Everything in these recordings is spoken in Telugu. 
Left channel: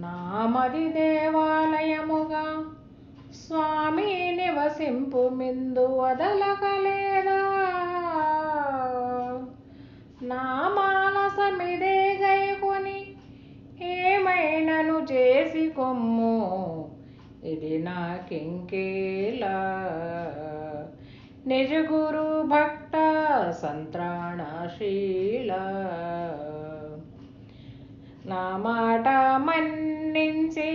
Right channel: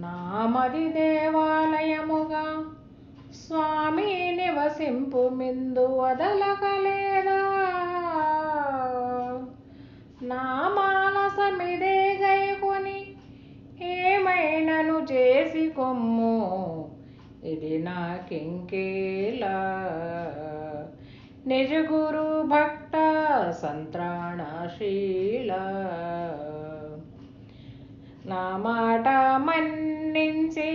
నామది దేవాలయముగా స్వామి నివసింపు మిందు వదలకలేదా? నా మానసమిదే గైకొని ఏమైనను చేసి కొమ్ము? ఇది నాకింకేలా నిజ గురు భక్త సంత్రాణశీల. నా మాట మన్నించి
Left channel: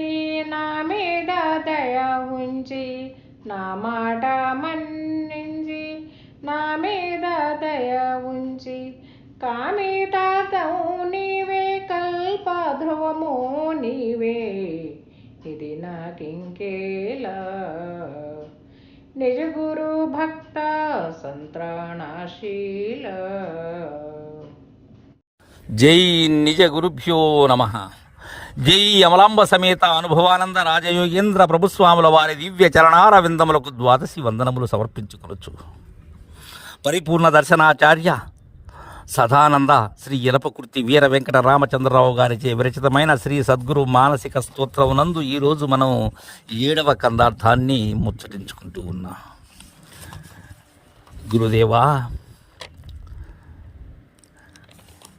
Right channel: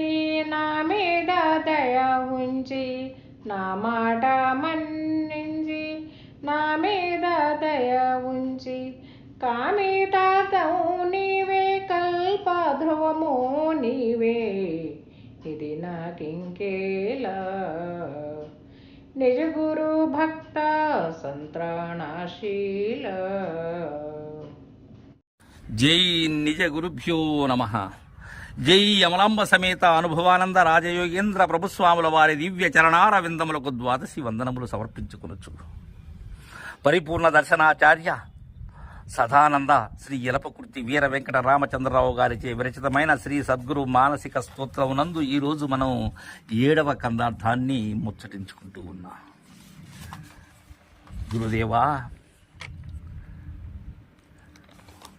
నా మీద దయ ఉంచి నా మాట మన్నించి నా మీద దయ ఉంచి. కామితాతవు నీవే కల్ప ధ్రువము నీవే ఇది నాకింకేలా? నిజ గురు భక్త సంత్రాణశీల జై నిజ గురుభ్యో నమ. జై అమలాంబ సమేత అనుభవానంద రాజయోగేంద్ర ప్రభుస్వాముల వారి దివ్య చరణారవిందములకు ద్వాదశి వందనములు సమర్పించుకునొచ్చు పరిపూర్ణ దర్శనాచార్య సదానంద శ్రీ యలపకృతి వీర వెంకట రామచంద్రరావు గారిచే విరచితమైన శ్రీ సద్గురు మానసిక స్తోత్రమునందు ఈరోజు మనం ఏడవ కందార్థాన్ని ముచ్చటించుకుంటూ ఉన్నాం. గురుదేవా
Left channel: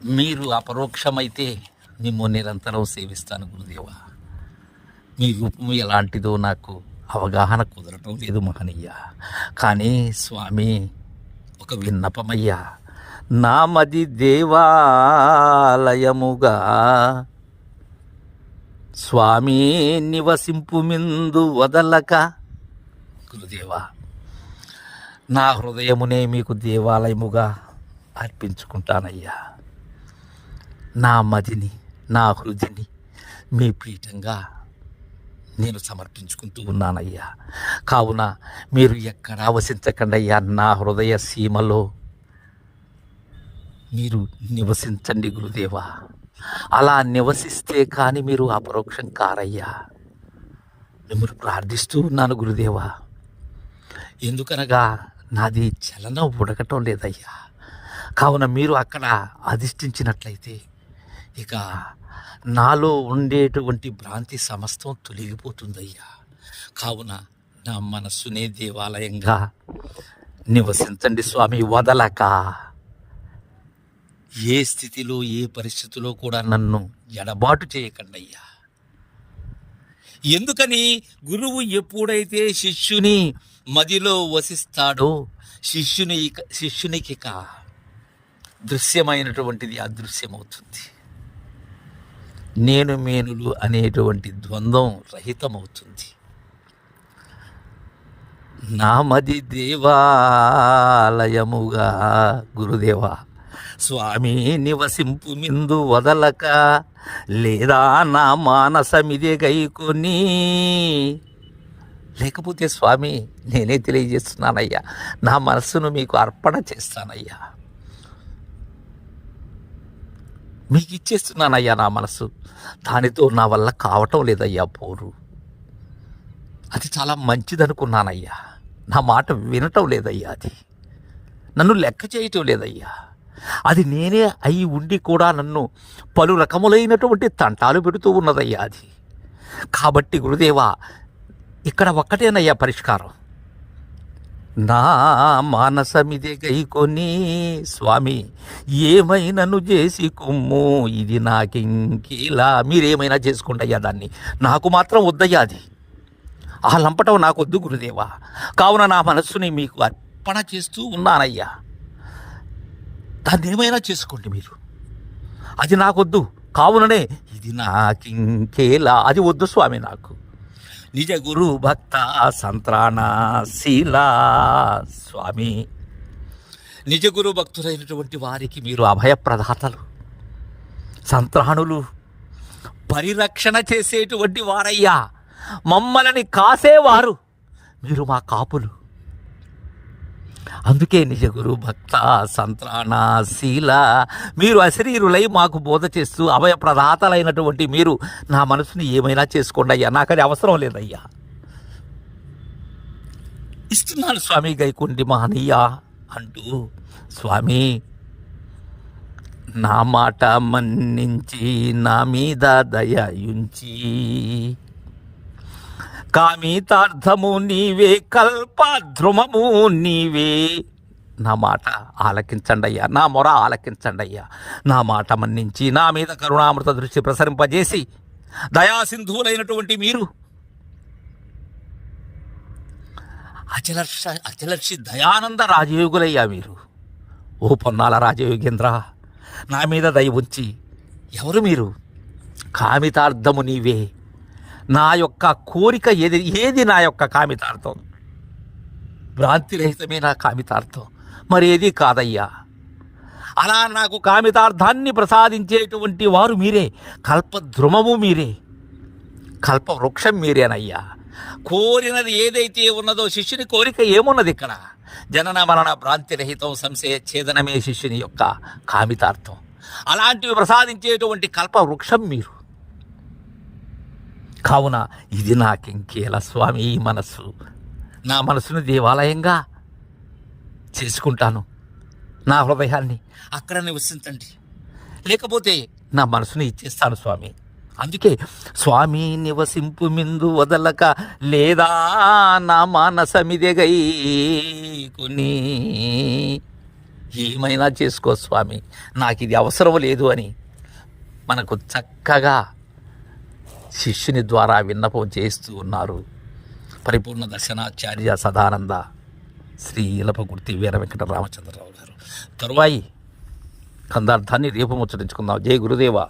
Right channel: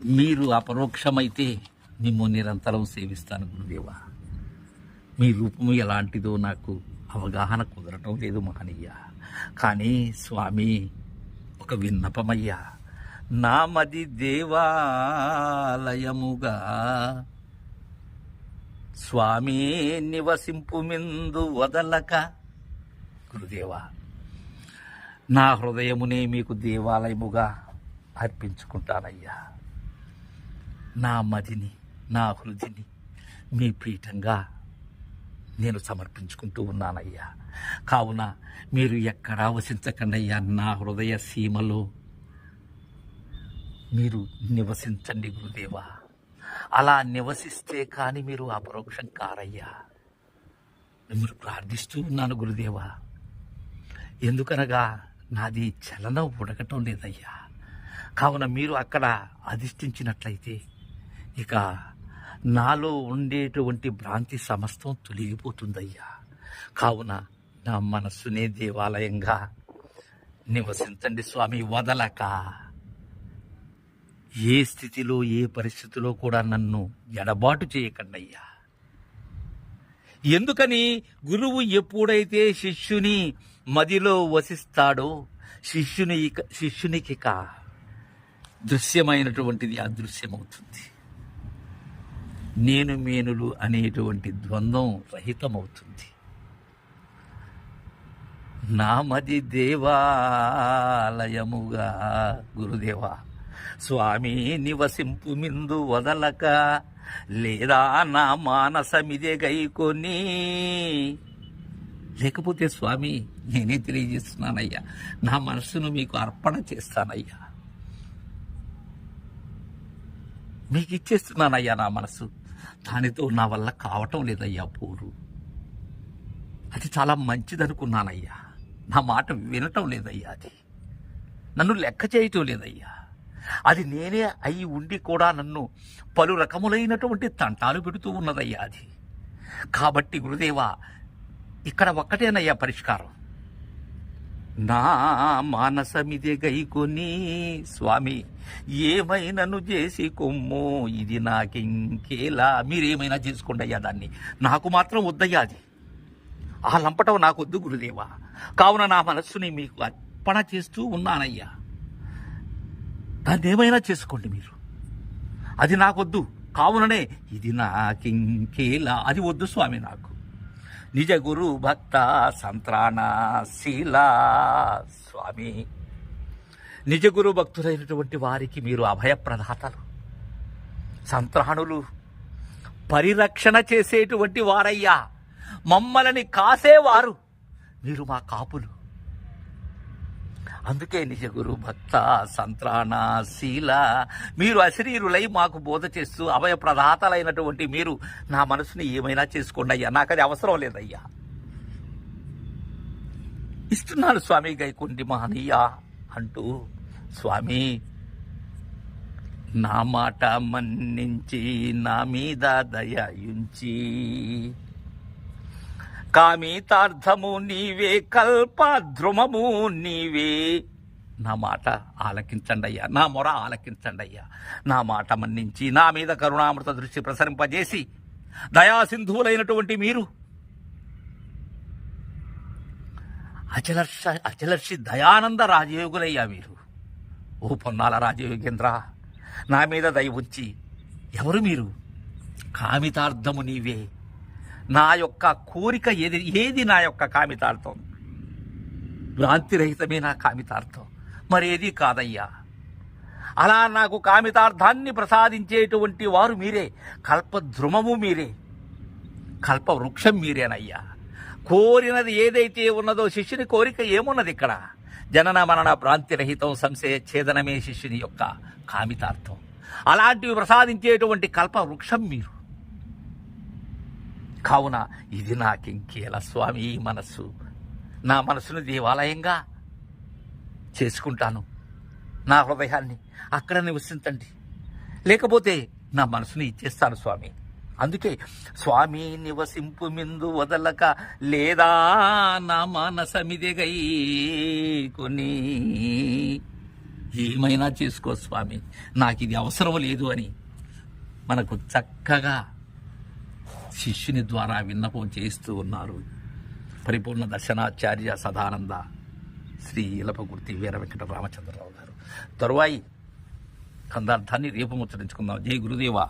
మీరు అపరోక్షమైతే మిమ్ము నిరంతరం సేవిస్తాను గురుదేవ. మీ రూపం ఎలాంటిదో నాకు అవగాహన కుదరటం లేదు మహనీయ. కానీ స్వామి ఒక విన్నపమయ్యా. నామది దేవాలయముగా స్వామి నివసింపు మిందు వదలక గురుదేవా నా హృదయమునే మీకు దేవాలయముగా అర్పించుకుంటానయ్యా. నా మదిని నా హృదిని మీ పీఠంగా నేను సమర్పించుకుంటూ ఉన్నానయ్యా. కావున మీరు ఎక్కడా వసించకండయ్యా నా హృదయ సీమలో. మీరు నివసించండి గురుదేవా. అలా నివసిస్తే కానీ మీరు అపరోక్షం కారయ్యా. మిమ్మల్ని ప్రార్థిస్తూ ఉన్నాను గురుదేవా. ఎందుకనగా నాది చలనం ఉడకటం లేదయ్యా. కావున మీరు అక్కడ అధిష్ఠించినట్లయితే ఇక నాలో ఉండేటువంటి భ్రాంతి సమస్తం తొలగిపోతుందయ్యా. కావున నా మనస్సునే దేవాలయంగా నివసించండి స్వామి వదలక. ఏ స్థితిలో ఏ పరిస్థితిలో కూడా నన్ను ఎడబాటు చేయకండి అయ్యా ఎందుకని గురువు ఎప్పుడైతే శిష్యుని మదిలో వసిస్తాడో శిష్యుని ఇక శిష్యునికి ఇక దృశ్యమైనటువంటిది అదృశ్యమవుతుంది. నేను మేనులు అనేటువంటి ద్వంద్వం రహితమవుతుంది. నామది దేవాలయముగా గురుదేవా స్వామి నివసింపు మిందు వదలక లేదా నా మానసమిదే గైకొని లేకపోతే స్వామి నేనే తెలియజేస్తున్నానయ్యా నా మనస్సును మీకు అర్పణ చేస్తానయ్యా. మీకు ఇచ్చేస్తున్నానయ్యా నా మనసు దానితో నా వల్ల కావటం లేదయ్యా పోరు. అది చాలా మంచిదనుకున్నానయ్యా. నా మాట వినటం లేదయ్యా అది. నన్ను లెక్క చేయటం లేదయ్యా. అది నేనే అయి ఉండి కూడా నన్ను పలు రకములైనటువంటి తంటాలు పెడుతూ ఉన్నదయ్యా అది. కాబట్టి గురుదేవా ఇక్కడ ఒక్కటేనయ్యా పరిష్కారం. నా మానసమిది గైకొని స్వామి ఏమైనాను చేసి కుమ్ము ఇది నాకింకేలా? మీరేమైనా చేసుకోండి అయ్యా దాన్ని. నాకు మాత్రం వద్దయ్యా అది. ఆ లంపటం నాకొద్దు గురుదేవా. కావున నా మనస్సుని మీకు అర్పణ చేస్తూ ఉన్నానయ్యా. దాన్ని ఏమైనా చేసుకోండి మీరు. అది నాకొద్దు. కావుననే ఇది నాకింకేలా? అది వద్దు స్వామి నాకు. నిజ గురు భక్త సంత్రాణ శీల స్వామి. నిజ గురు భక్తులైనటువంటి వారికి మీరు అభయప్రదాతలు సంత్రాణులు పరిరక్షణ చేసేటువంటి వారయ్యా. మమ్మల్ని కాసేవారు. మీరు మా కాపులు. అందుకే నిజ గురు భక్త సంత్రాణ శీల మీరు అశరీరులై మాకు బోధ చేస్తూ అభయప్రదాతలైనటువంటి మీరు నా మనసుని ఏమైనా చేసుకోండి అయ్యా. నాకు అది అవసరం లేదయ్యా. ఇస్తున్నాను స్వామి గైకుండి మహనీయ అంటూ స్వామి నా మాట మన్నించి నా మీద దయయుంచి కామితార్థము నీవే కల్పద్రుమము నీవే. నా మాట ఆలకించండి అయ్యా నా మొర ఆలకించండి అయ్యా నా మాట మన్నించి నా మీద కరుణామృత దృష్టి ప్రసరింపజేసి దయాసింధువులైనటువంటి మీరు అచలర్ష అచలర్షి దయానంద రాజయోగులయ్యా మీరు. ఓ పొన్నాల రాజయోగేంద్ర నా మీద దయ ఉంచి ఎవరు మీరు? కామితార్థము నీవే నా యొక్క కోరిక ఏది ఏది నా యొక్క కామితార్థం? భ్రాంతిరహితమే నా కామితార్థం. మరేది కాదయ్యా. అలా నాకు కామితార్థాన్ని ప్రసాదించేటువంటి వారు మీరే. కల్పద్రుమము మీరే. కల్పవృక్షం మీరేనయ్యా. కోరినది ఏదైతే ఉన్నదో శిష్యుని కోరిక ఏమున్నది ఇక్కడ? జనన మరణ భ్రాంతిరహితం సంశయ ఛేదనమే శిష్యుని యొక్క కామితార్థం. అలాంటివి ప్రసాదించేటువంటి కల్పవృక్షం మీరు. కావున ఇది నాకింకేల స్వామి ఈ మనస్సు? నా మనసును దేవాలయంగా చేసుకుంటాను. నా హృదయాన్ని అక్కడ నివసించండి లేకపోతే నా మనసుని ఇచ్చేస్తాను స్వామి. అందుకే స్వామి నివసింపు మిందు వదలక లేదా నా మానసమిదెగై కొని ఏమైనా చేసుకో స్వామి. నాకు ఇది అవసరం లేదు అని మనకు చక్కగా శిష్యుని ద్వారా విన్నపం చేస్తూ ఉన్నారు. పరిపూర్ణ దర్శనాచార్య సదానంద శ్రీ ఇలపగుర్తి వీర వెంకట రామచంద్రరావు గారు. తరువాయి కందార్థాన్ని రేపు ముచ్చటించుకుందాం. జై గురుదేవా.